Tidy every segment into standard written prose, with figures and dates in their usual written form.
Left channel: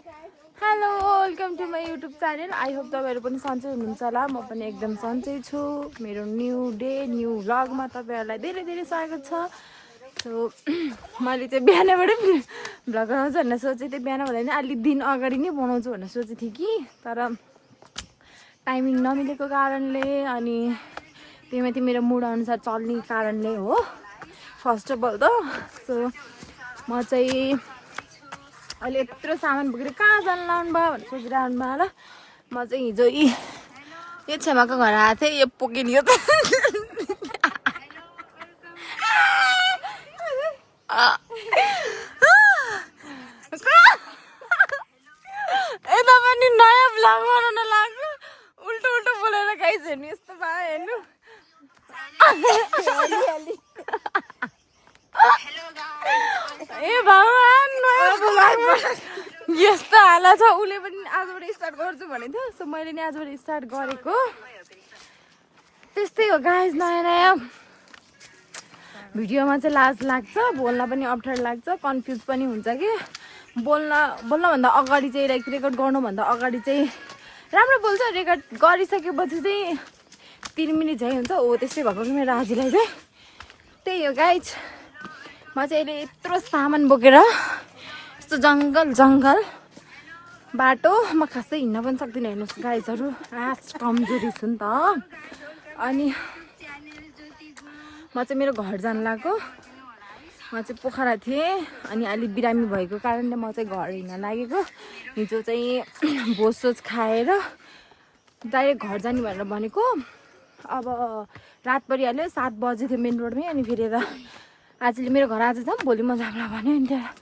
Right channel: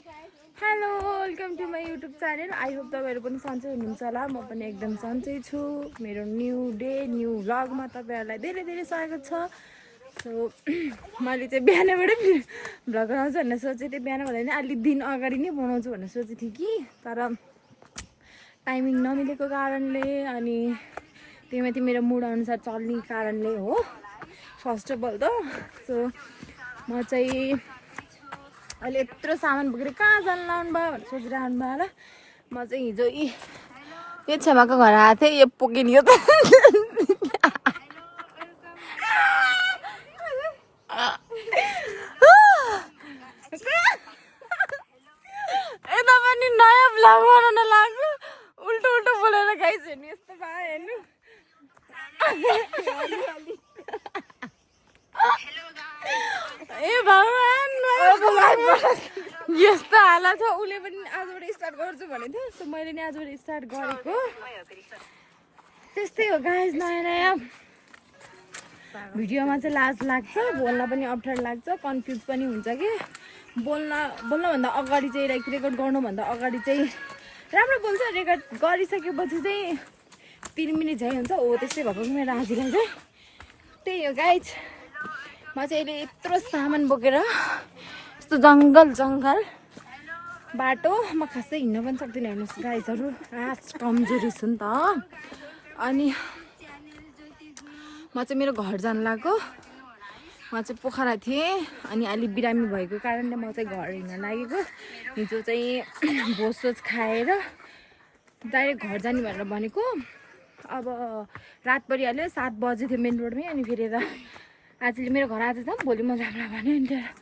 Hello welcome to my YouTube channel. I hope तपाईँहरू पनि सन्चै हुनुहुन्छ होला। म पनि एकदम सन्चै छु। मेरो न्यू डे न्यू भ्लगमा तपाईँहरूलाई धेरै धेरै स्वागत छ। सो मैले चाहिँ बिहानबाटै भ्लग बनाउँछु भनेर सोचेको थिएँ। बिहान भन्दा नि अलि दिन अगाडि नै बनाउँछु भनेर सोचेको थिएँ कि, तर टाइमिङ नमिलेको कारणले अनि त्यहीमाथि मेरो मुड अनुसार चल्ने कारणले हो फर्स्ट अफ अल त। सो म चाहिँ अहिले यत्रो सामान बोकेर कहाँ जानु लाउनु भयो भनेर सोचिरहनु भयो होला। म चाहिँ हिजो यो छेमाको घर आएको थिएँ। यो पोकिलियो त यता पनि नयाँ भ्लग बनाउन लाग्यो। उल्टो उल्टो बोलेर गाइस हेर्नु, यस्तो भयो हेर्नु। ए भगवान्, यस्तो हालत छ। उसले पनि आजबाट स्टार्ट गर्छु भनेको थियो। सो मैले नि आजबाट स्टार्ट गरेको। त्यस्तै हो गाइस, नयाँ नयाँ भिडियोमा चाहिँ लाज लाग्छ, बोल्न पनि अप्ठ्यारो लाग्छ, कन्फ्युज पनि हुन्छ कि। बोल्नभन्दा अगाडि चाहिँ लाइक रेकर्ड गर्नुभन्दा अगाडि चाहिँ राम्रो बोल्छ, रेकर्ड गरिसकेपछि चाहिँ 3 मिनट झै हुन्छ। हो त्यस्तै भएको कि मेरो आजलाई चाहिँ त्यही हो गाइज। म चाहिँ अहिले यत्रो सामान बोकेर यस्तो जङ्गल बाटो म खासै हिँड्न पनि सक्दिनँ। हेर्नुहोस् गाइजहरू, कमजोरी छु नि त। अनि म चाहिँ मेरो घर जानु लाग्यो। म चाहिँ पोखरा थिएँ अनि अलि बिरामी भएको कारणले म चाहिँ घर हिँड्न लागेको। हिजो चाहिँ भोजसोज खाएर डाइरेक्ट घर जाने भनेर भनेको। अब रात परिहाल्यो, 7 बजे थियो मेन रोडमै। अनि फेरि आजले मेरो घर आज जाऊँ, भोलि म जाउँला भन्यो। अनि त्यहाँ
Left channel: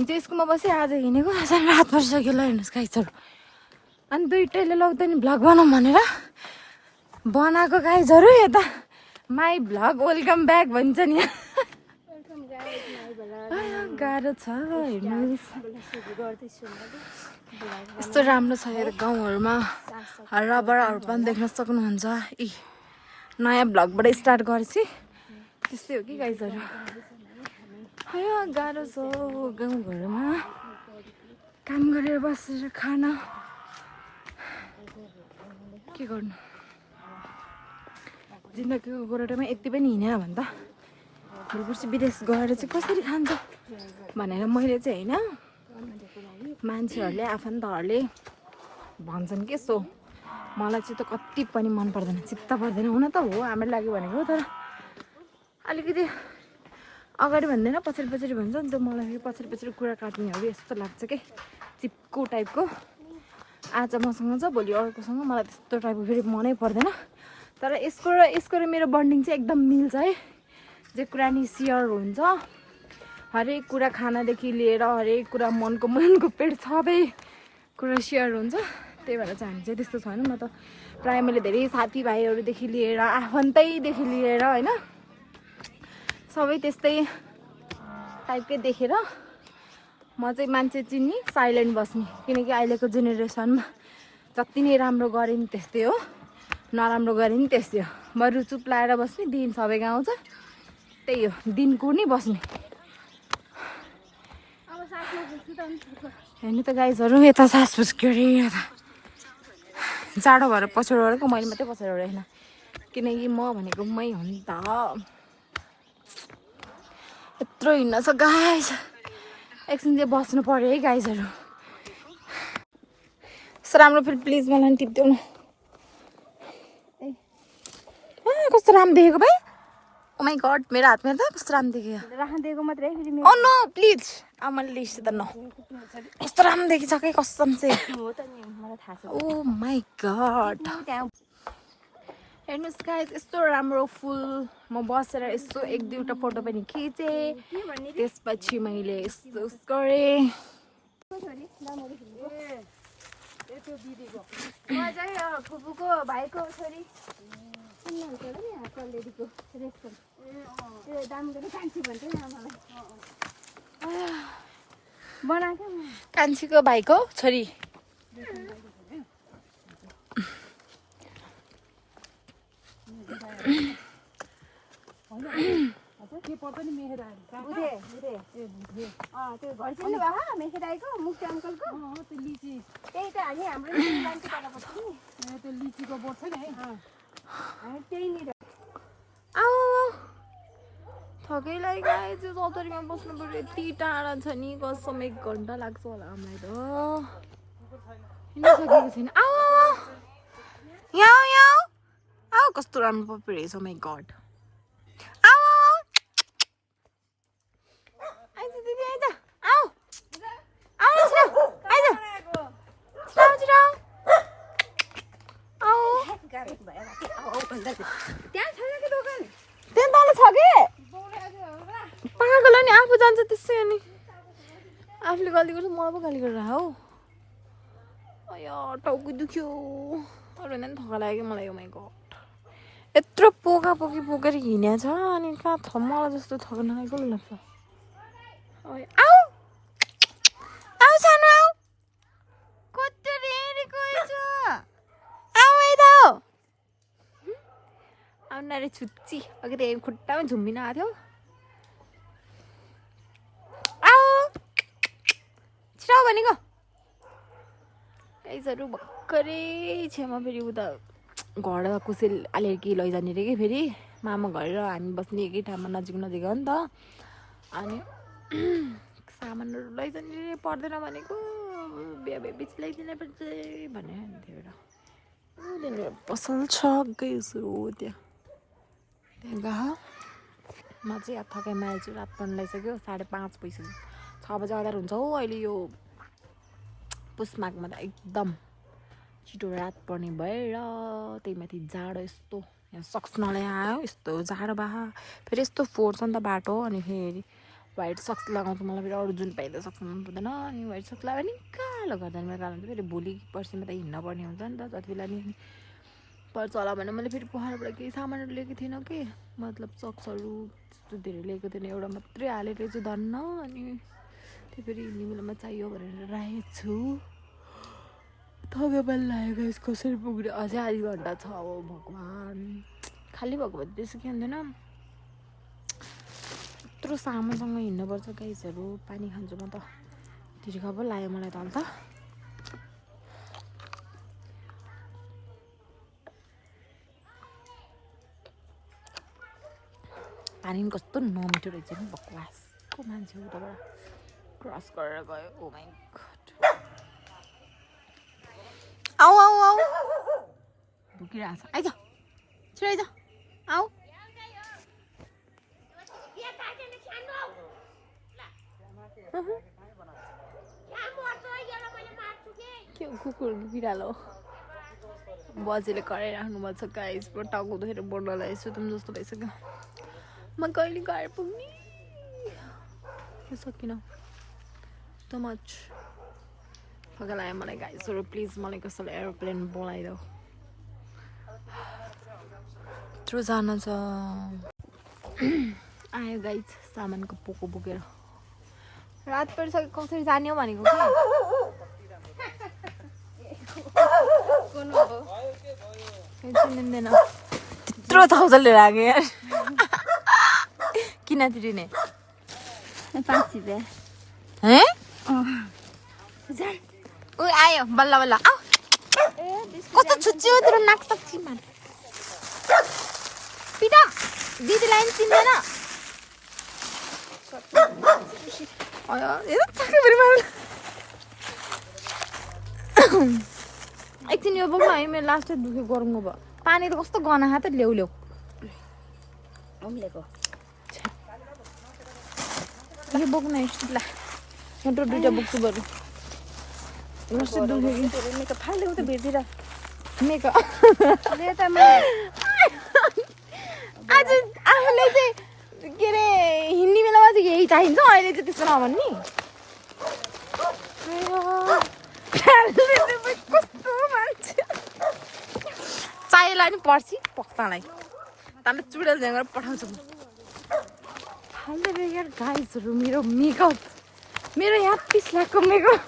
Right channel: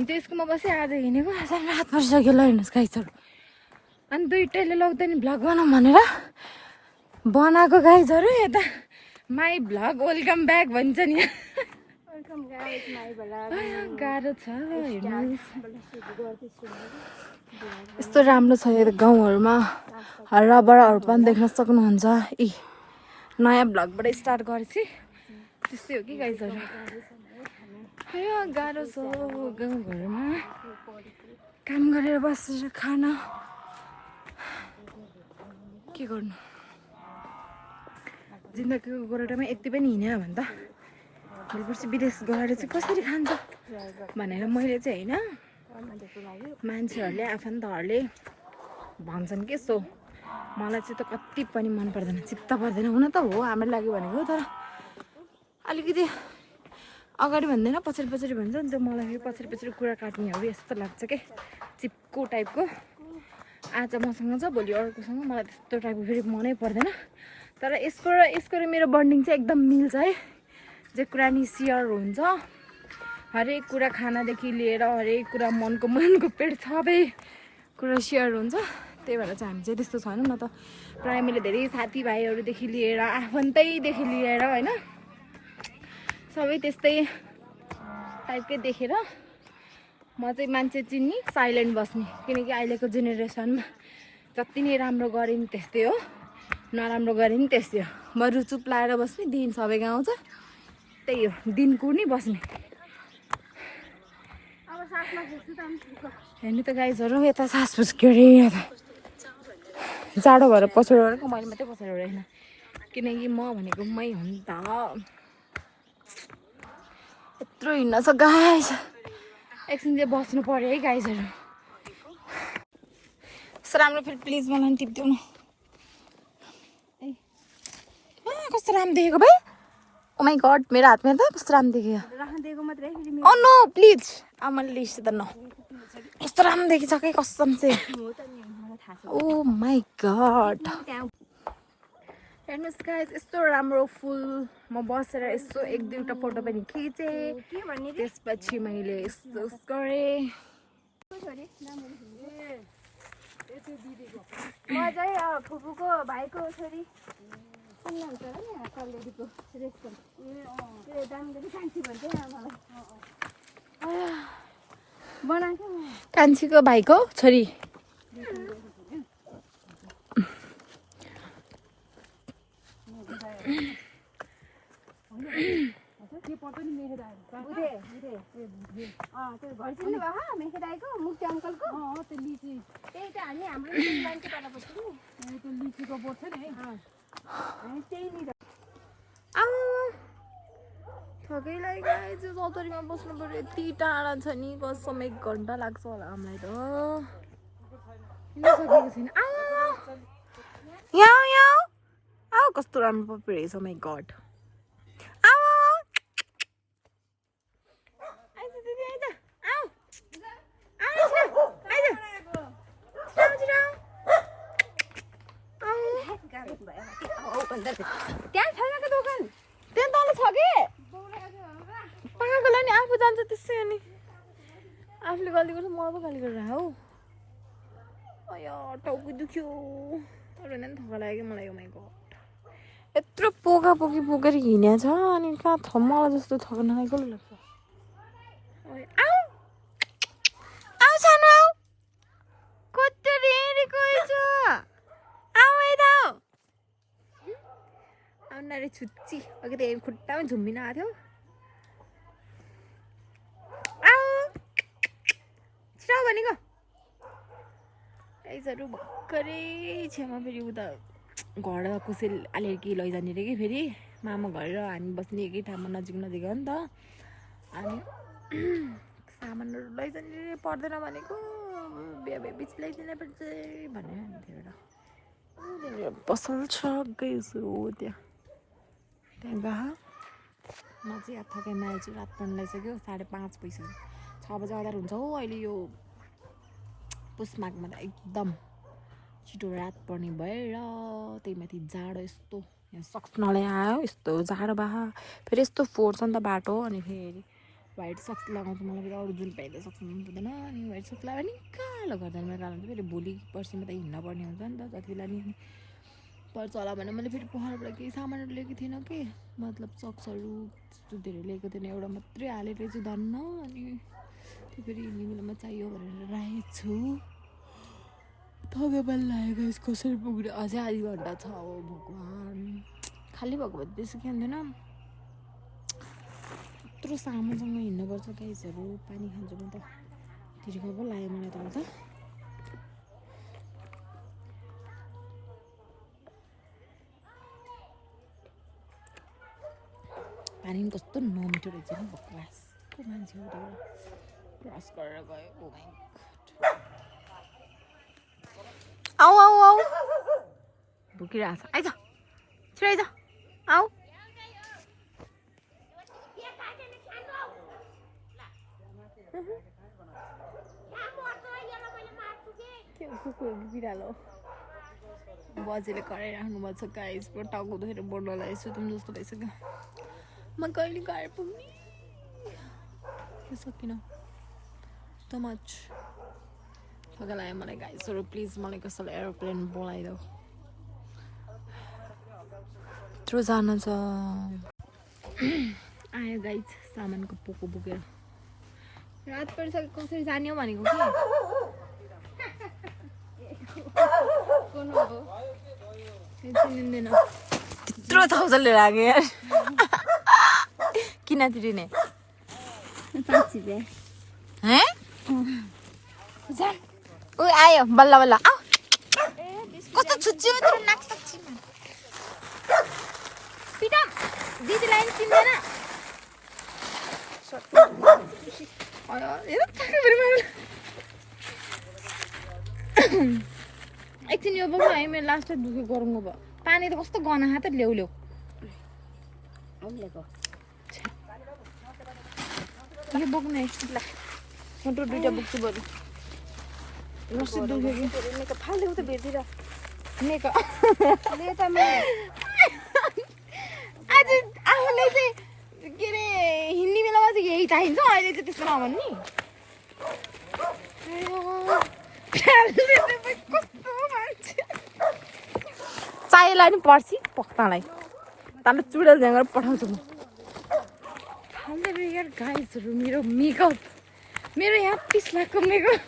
हिजो स्कुलमा बसेँ, आज हिँडेको। रात परिसक्यो ल हेर्नुहोस् गाइजहरू। अनि दुइटैले लग्दा नि भ्लग बनाऊँ भनेर बनाएको गाइजहरू। यता माई भ्लग वेलकम ब्याक भन्छ नि। गाह्रो छ हेर्नुहोस्। यस्तो राम्रो छ यो गाउँहरूमा, हराबराहरू पनि देख्न सक्नुहुन्छ। नयाँ भ्लगबाट स्टार्ट गरेपछि त्यस्तै हो कि गाइजहरू। गाह्रो छ गाउँघरमा काम गरेर बसेर खान, के गर्नु। जिन्दगीको गोरेटोमा यति पनि हिँडेन भने त भोलिपर्सि विदेश गएर चाहिँ कसरी खान्छ भनेर मैले चाहिँ होइन, मान्छेहरूले आफन्तहरूले भन्छन् के। सो मलाई चाहिँ त कति पनि मन पर्दैन, चित्त पर्दैन। हुन त हो हाम्रो लागि भनेको, तर अलिकति अगाडि भन्दैन पछाडि भन्छ नि त। मलाई पछाडि कुरा काट्नेहरू यस्तो लाग्छ के, चिप्को टाइपको। आज मसँग छ, भोलि अर्कोसँग। मलाई त्यस्तो टाइपको फेरि मनै पर्दैन। तर यसको र मेरो बन्डिङ चाहिँ एकदम मिल्छ है। जे कुरा नि सेयर हुन्छ, हरेक कुरा, खानादेखि लिएर हरेक कुरा, मनको पेट सबै कुरा सेयर हुन्छ। त्यही भएर चाहिँ हामी चाहिँ त्यस्तो छैनौँ। न त प्रायः मैले धेरै साथीभाइहरूदेखि लिएर आफन्तैदेखि लिएर होइन, सबै त्यस्तै टाइपकै देखेर म चाहिँ मान्छे चिन्ने, साइलेन्ट बस्ने। किनकि अहिलेको जेनेरेसनमा जति नै राम्रो गरे नि त्यस्तै हो, नराम्रो गरे नि त्यस्तै हो। बरु चुप लाएर बस्ने, दिन सबैको आउँछ, त्यही हो, दिन कुर्ने बस्ने। हेर्नु त गाइजहरू, यता सास फुस्क्यो अरे। जाडो भएर पछाडि ओढेको, मैले मात्रै पछाडि ओढेको, किनकि म भनेको मै हो नि त। यत्रो हिँड्न छ गाइज, एकछिन चाहिँ बस्नु पर्यो है गाइजहरू। यस्तो राम्रो फेरि प्लिज मलाई टिप्देऊ न। कस्तो राम्रो देखेको भाइ। ओ माई गड, मेरो हातमा त कस्तो राम्रो देख्यो। ओ नो प्लिज, अब मैले लिस्ट त न कस्तो राम्रो देखिन्छ कि कसम चाहिँ। ओ माई गड, हेर्नुहोस् गाइस, यस्तो राम्रो फुल। म बसेर यस्तो 1-2वटा फोटो पनि खिचेँ। त्यसपछि मैले यस्तो गरेँ। म चाहिँ फुपूको भाइको छोरी कान्छीको भाइको छोरी। के पर्छ नि मेहेरा बुधे बुधे त्यो घर चिन्नु भयो मेखेदाईको मुक्ति अङ्कलको त्यो लिची त्यही त हामी हाम्रो मान्छे तल पर्छ नि त्यो लिचीको बोट छ नि है हामी त्यहीँनिर आऊ थकै लाग्यो गाइस यो चौतरीमा बस्नु पर्यो यति टाढा छ नि कसम 1 घन्टा लाग्छ होला हामीलाई त हिँड्न सकेको छैन आऊ यहाँ यहाँ आऊ कस्तो राम्रो पप्पी रहेछ माई गड आऊ आइज दिदी आइज आऊ आऊ छिटो आइज छिटो छिटो आऊ त्यहाँ छैन के दोकान त्यहाँ तल छ के पागल नि आफू जान्छ त्यसै अनि आफूले गल्ती गर्छ मलाई पो गाली गरेर हौ अया टाउको दुख्यो अरू नै थका लाग्यो कि मलाई माई गड यत्रो पोका पोकी पोकेर हिँडेको छ अनि कहाँ मलाई जस्तो थकाउन लागेको लाग्छ आऊ आऊ सानो आऊ कति रेडेको छ आऊ यता आउन रे छुच्ची अघि त खुट्टामा झुम्बिन आएको थियो आऊ छिटो भनेको गाइसहरू भर्खरै छेउमा फेरि उता घर कसै अलिअलि लैजाने रे कि फेरि मामा घर र हामी बस्ने एकै ठाउँमा नजिक नजिक हो नि त अनि सामानहरू लैजाने रे पर्दैन भनेको बिहा भएपछि ल्याइदिनु पर्छ भनेर भन्थ्यो एउटा पसल छ गाइसहरू त्यहाँ गएको म चाहिँ थकाइमा आएछु रात पर्न लगाइसक्यो 5:30 भइसक्यो 6 बजे आधार हुन्छ हो अहिले यो पुसमाघमा त एकदम छिटो रात पर्ने भएर त्यही माथि जाडो यस्तो यहाँ सक्स नल्यायो यस्तो जाडो भए फेरि यस्तो फोर्छ नि त बाटो अनि फेरि व्हाइट सक्स लगाउँछु मलाई फेरि अरू जुन पाइँदा सक्स मन पर्दैन अनि व्हाइट सक्स लगायो भने कालो गर्दा मेरो कालो हुन्छ फेरि भोलि पर्सिमा त हिँड्न पर्ने हुन्छ नि त जति बेला नि पर्छ होला भने मैले फेरि पहाडबाट केही सामानहरू लिएको थिइनँ कि मतलब सक्सहरू त्यस्तो धेरै लिएको थिएन एउटा मात्रै हालेर चाहिँ धन्न अनि त्यो फेरि हिँड्ने बेलामा चाहियो भनेर राखेको छु थकाइबल लागेको यस कसरी पुग्यो अझै आधी घन्टा छ अब भगवान् खाली भएको भए त्यसो के हुँदैन यत्रो सामानसँग हिँड्नुपर्छ गाइसहरू पानी खान्छु म त तिर्खा पो लाग्यो मलाई त अन्त पानी पनि कस्तो नमिठो रहेछ नि बकवासको मान्छे उताबाट क्रस गरेर गयो ओ माई गड आऊ आऊ आऊ भुकिरहेको छ आइज छिटो आइज आऊ के कुकुर बिरालो बजेले कराइराख्नु भएको छ गाइस पुरा टाउको दुखेर बोल्न लागेको छु तुम जस्तो भइसक्यो म कहिले घर पुग्ने सकिनँ त मच थका लाग्यो मलाई गाइसहरू प्लिज मलाई कसैले एरोप्लेन बोलाइदेऊ यत्रो जान छ आयो गाइस सामानको पोको बोकेर रात परिसक्यो कसरी जाने हो भनेको कि चिनिँदैन त्यत्रो 1000 लिएर आएको यार किन तिरिने 5 रुपियाँ ऊ आयो बल्ल बल्ल आऊ कस्तो छुच्ची हो तेरो नाक सक्छ पिटा दिदीलाई पनि चिन्दैन एकछिन यो बोक्नु है मेरो लास्ट दुख्यो गरौँ भयो पानी त कस्तो गना हात ल्याउ ल्याउ यो बोक्नु ल म त 2टा बोक्छु बरु लस्सी दुख्यो कि फाल्दै उता भित्र आज आफूले चाहिँ के अरे हिँड्ने बेलामा चाहिँ यही चाहिन्छ अहिले चाहिँ त्यस्तो नभन्ने कस्तो मान्छे चाहिएला नि पर्सि पक्कालाई तँलाई चुडेल झ्याङ गरेर पठाउँछु म खाल्दै यार गाइसहरू मेरो मेकअप मेरो यहाँ 30 लाखको मेकअप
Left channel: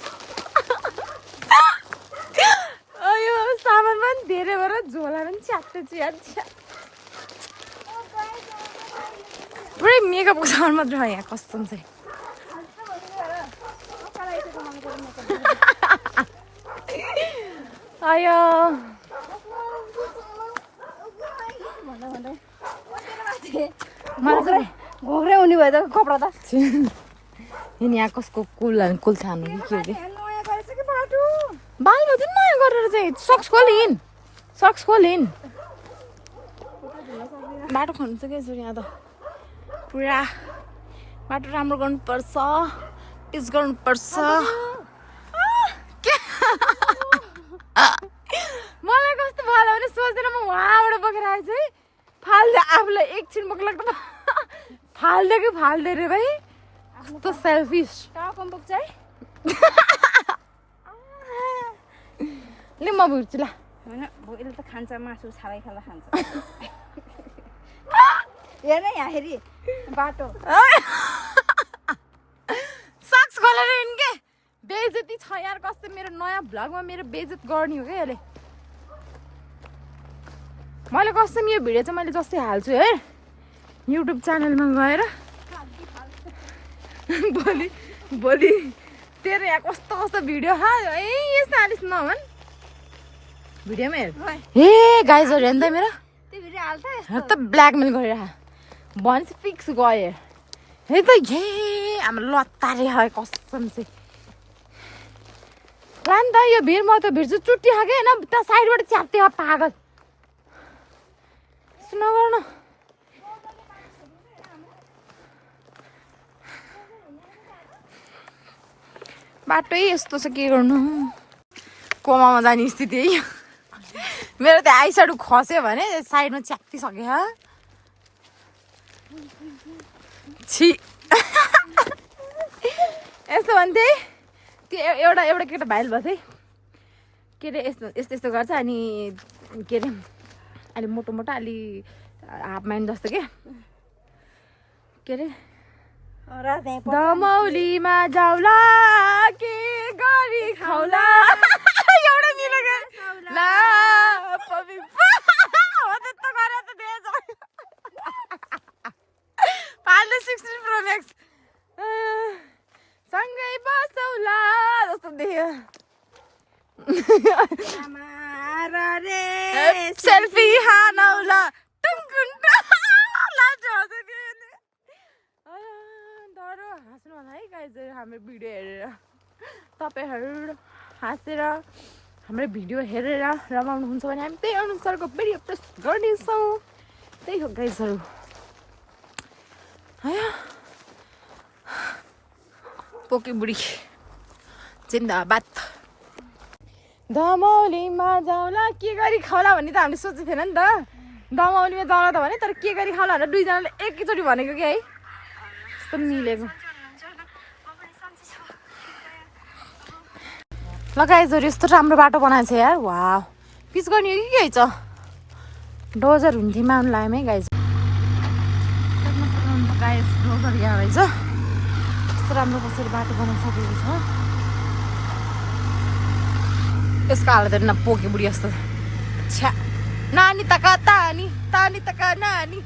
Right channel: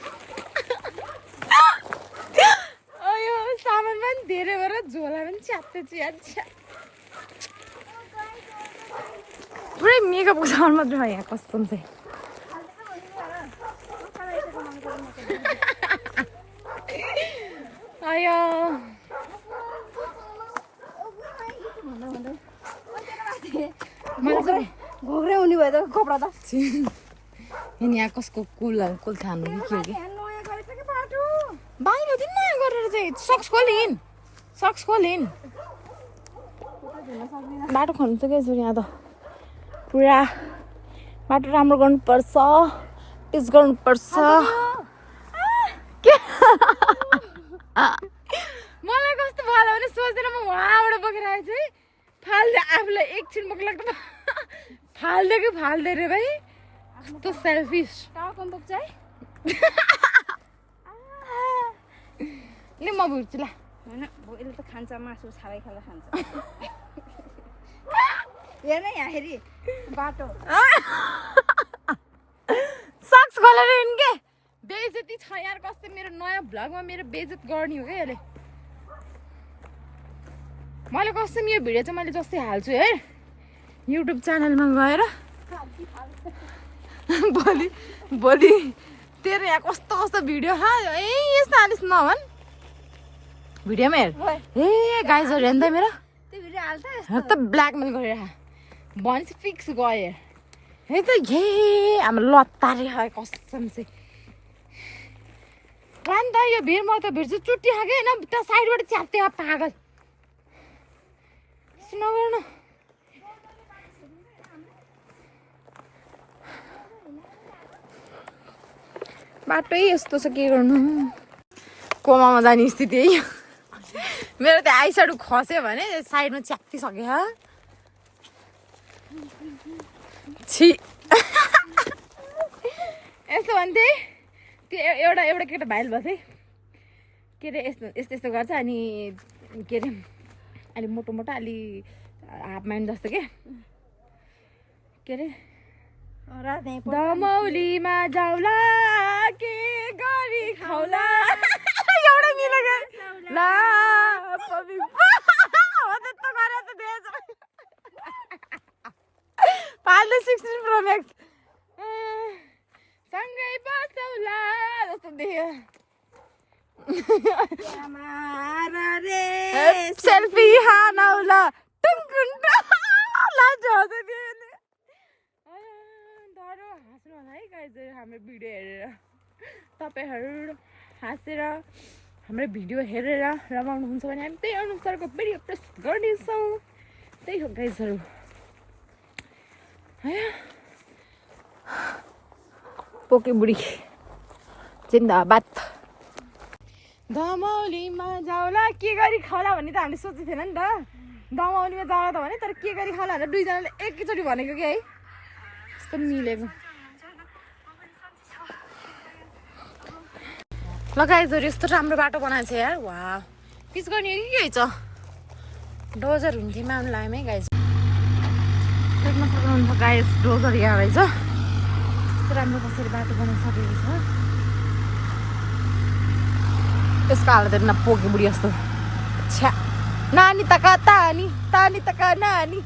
अयो सामान पनि धेरै भएर झोला पनि च्यात्दै च्यात्छ पुरै मेकअपको सामान मात्र हो यहाँ कस्टम चाहिँ आयो घोग्रे हुने भयो त कपडा त यहाँ कसको कुल खानु कि के हो कि नयाँ गरेछ कि बाटो बाहिर चाहिँ नयाँ गरेर चाहिँ सक्स खोलिन् बाटो खन्छ क्या यहाँ त पुरा बाटो राम्रो गर्नुपर्छ पिच गर्नुपर्छ मलाई कस्तो भयो भने सोचेर म उहाँबाट बोकेर आएछु है फाल्दै आफूलाई एकछिन बोक लाग्दा फाल्दै कि फाल्दै रे भाइ कस्तो सेल्फिस ल म भुट्छु ल होइन यसले त खान्छ मासु छाडै खाँदा खान्छ हेर यहाँ हेरी बाटो सक्स खोलेर हिँड के बेइज्जती छ यार कस्तो मेरो नयाँ भ्लगमा मेरो बेइज्जत गर्ने हो क्या यसले मैले कस्तो यो भिडियो चाहिँ मैले जस्तै हाल्छु है युट्युब च्यानलमा गएर भोलि तेरो यहाँ कस्तो कस्तो भिडियो यस्तो हालिस् नभन् भिडियोमा हेर ए गाइजहरू हेर्नु त मेरो त्यो भिडियो हाल्छ त ब्ल्याकमेल गरेर भनेपछि फिक्स गयो है त हे हाम्रो लत्ताले है कसम चाहिँ ला नि त यो भिड म त भिड चाहिँ चुट्टी खाएको होइन त साइडबाट च्याप्थ्यो पागल सुन गर्नु बाटै यस्तो छ के गर्नु कोमामा जाने स्थिति है मेरो त आइसाइड खस्यो भने साइडमा च्याप्तिसक्यो छि यस्तो भन्थे त्यो एउटा केटा भाइरल भएको थियो के अरे यस्तो गर्छ अनि के अरे अलि मोटो अलि हाफ म्यान जस्तो के अरे दमौलीमा जाउला के गरी खाउला एउटै मिलेको ला पाल्दै 16 Pro Max सँगै बसौला जस्तो देख्यो सेल्फी हानौला टुङटुङ डर हाँस्नु होला है गाइज हाम्रो भिडियो हेरेर तपाईँहरू हाँसेर हाम्रो भिडियो हेरेर रमाउनुहुन्छ भने हामी त्यही अनुसारको भिडियो प्रस्तुत गर्नेछौँ त्यही हो गाइजहरू पोके बुढी जिन्दाबाद दमौलीमा जाउला के गरी खाउला भन्ने त हामीले सोचेको थिएन नि त दमौलीमा जाउला त भने तर के गरी खाउला भनेर दुईजनाले एकैचोटि भनेको कि है यस्तो मिलेको लगाएछहरू यस्तो राम्रो बाटो बनाएको छ यार वाह पिच गर्ने हो कि के छ डोजर हुन्थ्यो माउनु लाग्यो है गाइज देख्न सक्नुहुन्छ गाइज डोजर यहाँ रहेछ यस्तो राम्रो कसरी बाटो बनाइसकेको छ यसको हालत हेर्न पोके बुढी जस्तो छ्या नानी त कता तानी त का नानी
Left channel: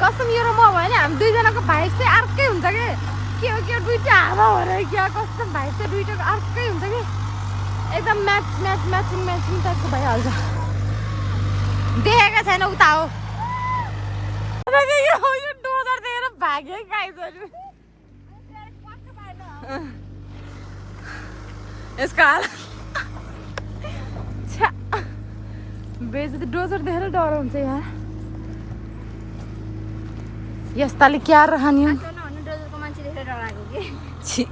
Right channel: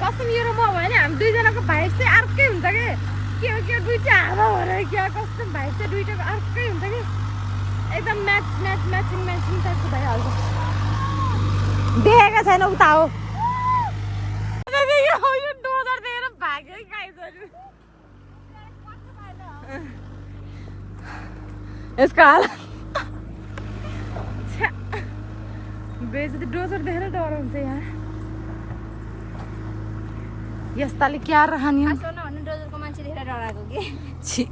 कसम यो र म भयो भने हामी दुईजनाको भाइब चाहिँ अर्कै हुन्छ के दुइटा हावा हो र क्या कस्तो भाइब चाहिँ दुइटाको अर्कै हुन्छ कि एकदम म्याचिङ टाइपको भइहाल्छ देखेको छैन उता हो यो डोजर देखेर भाग्यो है गाइजहरू यसको हाल बेइज्जती डोजर देखेर डराउँछ यहाँ यस्ताले क्या रहने डोजरको मान्छे देखेर डराएको कि छि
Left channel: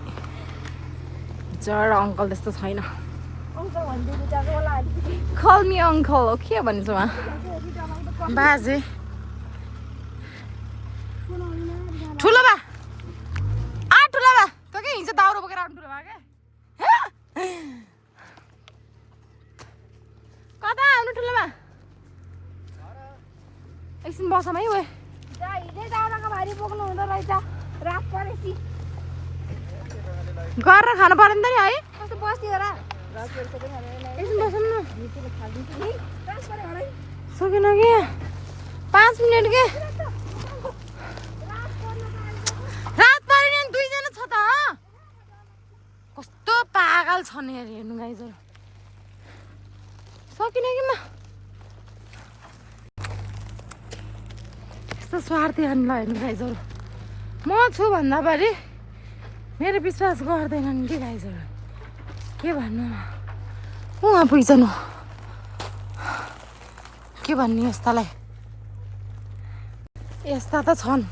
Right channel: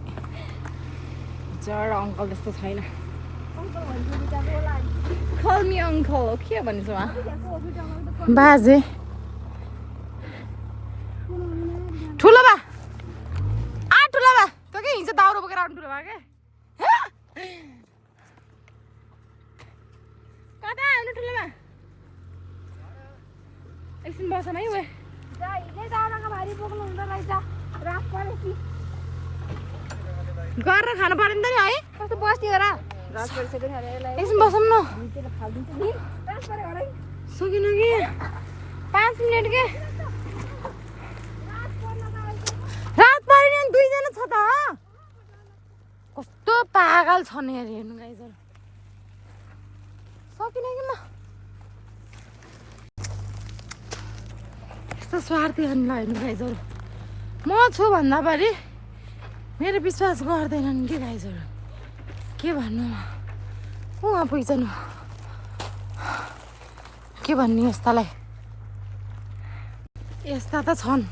जरा अङ्कल त्यस्तो छैन कल मी अङ्कल हो के भन्छ उहाँ बाजे ठुलो बा ठुलो बा त के हिजो दाउरो बोकेर आउनु ठुलो बा के कता आउनु ठुलो बा एकछिन बसम है उयो हिजै दाउराको भारी बोक्नु हुँदो रहेछ रात परेपछि गरेर खानु पर्यो नि त नि है कस्तो बस्ती हो र एकछिन बसौँ न सकेन कि 5 मिनट के रात पऱ्यो नि 2 जना छ त कस्तो पागल छ नि यार हेर्नु गाइजहरू सकिन कि म यस्तो स्वार्थी हामीलाई हेर्नु गाइजहरू म छु भन्दा पनि मेरो विश्वास गर्दैनन् कि गाइजहरू के भन्नु उहाँ पुग्छन् के भन्ने यस्तालाई यस्ता त छन्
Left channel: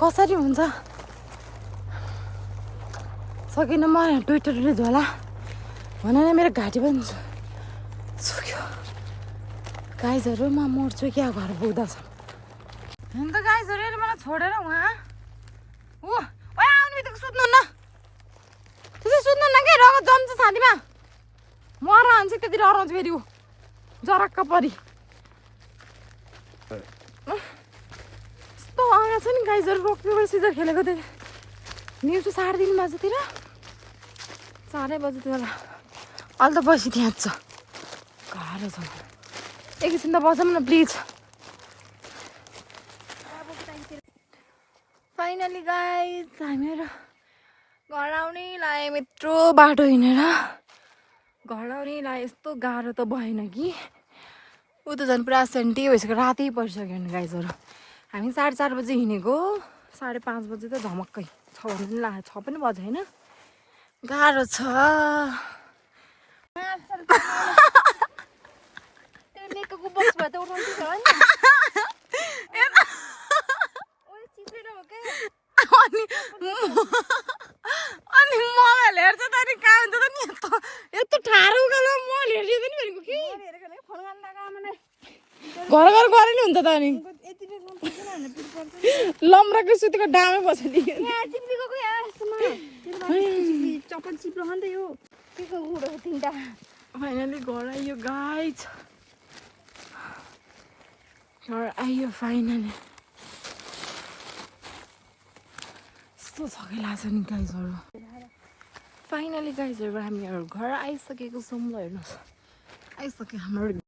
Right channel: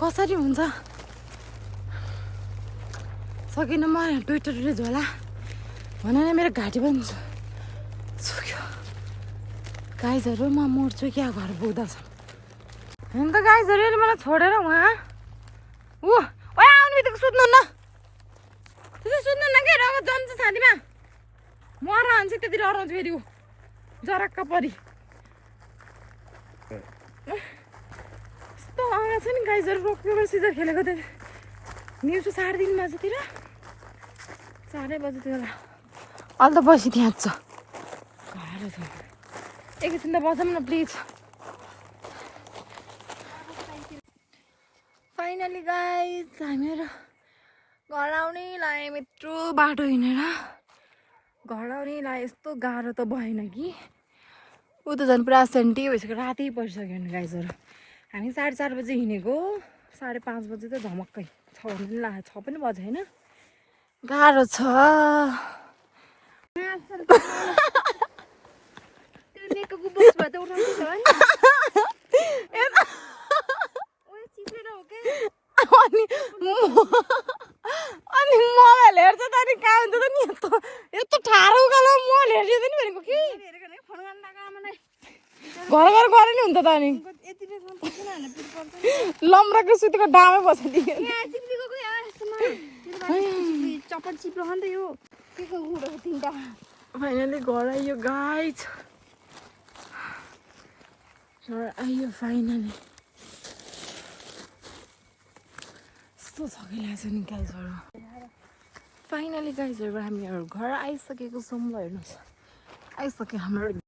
कसरी हुन्छ सकिन म ट्विटरले झोला भनेर मेरो घाँटी पनि सुक्यो गाइजहरू म मर्छु क्या घर पुग्दछ होइन त गाइजहरू यसले मलाई छोडेर उहाँ आउने बित्तिको सुत्नु न त्यसै सुत्नु न के रगत जम्छ छातीमा मर हान्छ त्यति डराउँछ फेरि ऊ जरक्क परी यस्तो आएको छ नि गाइजहरू रोक्यो सिजर खेलेको थियो दिउँसो 3:30 बजीतिर 4 बजीतिर होला अहिले त बसी त्यहाँ छ गाह्रो छ एकैछिन त बसौँ न प्लिज फाइनली गाइज हामीहरू घर आउनै लाग्यो यत्रो बाटो हिँडेर घर आउनै लाग्यो यस्तो गाह्रो त भएन कि ऊ त झन् पुरा सेन्टी भइसक्यो रातै परिसक्यो नि गाइजहरू हामी 4:30 बजी हिँडेको 5:30 बजी त झमक्कै 6 भन्नु पनि लाग्यो 6 पनि बज्यो होइन गाह्रो छ अनि मोबाइल हेर्छ त अनि कहाँ हुन्छ त नि यस्तो ठाडो उकालो मोबाइल हेरिदियो नि भनेको कि घर घर गरे नि हुन्छ त अनि लम्राको सुतीको डामै बसाइदियो फाइनली घर आइयो गाइज घर आइयो फाइनली यस्तो छकै लाग्छ नि गाइजहरू फाइनली गाइजहरू हामीहरू घर आइसकेको छौँ ल हेर्नुहोस् आइसक्यो हाम्रो